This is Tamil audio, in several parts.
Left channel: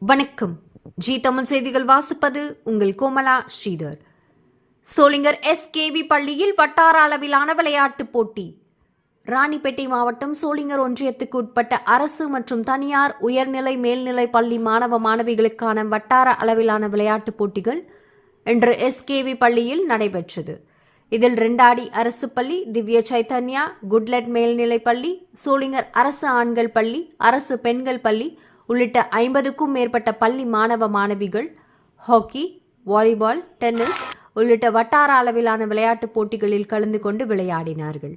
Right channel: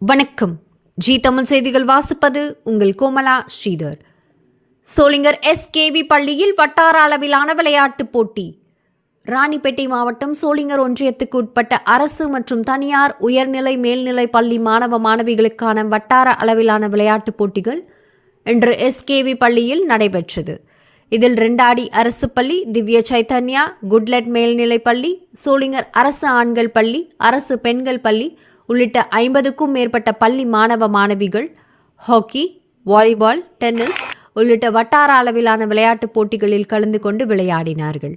வணக்கம். ஜி தமிழ் செய்திகள் வாசிப்பது உங்கள் கோமலா ஸ்ரீதர். சோளிங்கர் எஸ்கேவி பள்ளியில் வட்டார அளவிலான விளையாட்டுப் போட்டி. ராணிப்பேட்டை மாவட்டம் சோளிங்கர் ஒன்றியத்துக்கு உட்பட்ட அரசு மற்றும் தனியார் உயர்நிலை மேல்நிலை பள்ளி மாணவ மாணவிகளுக்கான வட்டார அளவிலான விளையாட்டுப் போட்டிகள் இன்று எஸ்கேவி பள்ளியில் நடைபெற்றது. இதில் ரெண்டாடி அரசு பள்ளி, திவ்ய சைத்தன்யா குட்லெட் மேல்நிலை பள்ளி, சோளிங்கர் அரசு ஆண்கள் பள்ளி, அரசு பெண்கள் பள்ளி உள்ளிட்ட 50க்கும் மேற்பட்ட பள்ளி மாணவ மாணவிகள் ஹாக்கி, வாலிபால், டென்னிஸ் உள்ளிட்ட வட்டார அளவிலான விளையாட்டுப் போட்டிகளில் கலந்து கொண்டு விளையாடினார்கள்.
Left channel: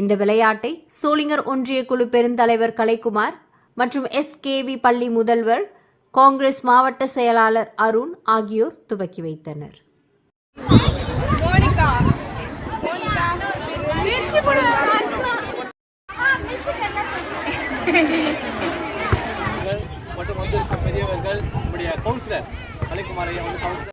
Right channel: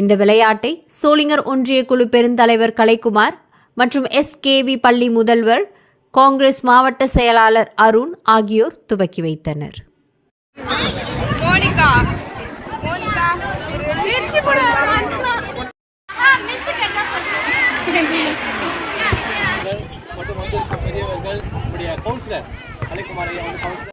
இந்த விளையாட்டை சோளிங்கர் ஒன்றிய குழு பெருந்தலைவர் கலைக்குமார் மற்றும் எஸ்கேவி பள்ளி முதல்வர் காங்கிரஸ் மாவட்ட செயலாளர் அருண் ஆகியோர் துவக்கி வைத்தனர். மற்றும் வந்திருக்கும் பெரியவர்கள் நம்முடைய கவுன்சிலர் கலைக்குமார் ஐயா வந்து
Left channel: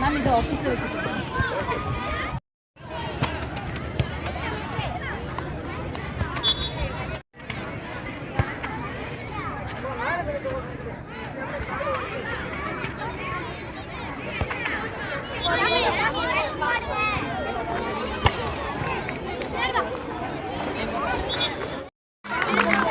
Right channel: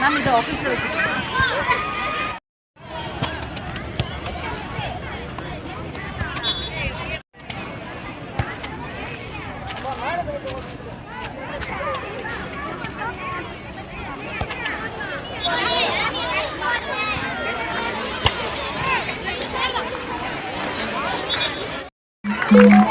மேம் இந்த ஆஃபீஸில் வச்சுக்கோங்க. Yeah.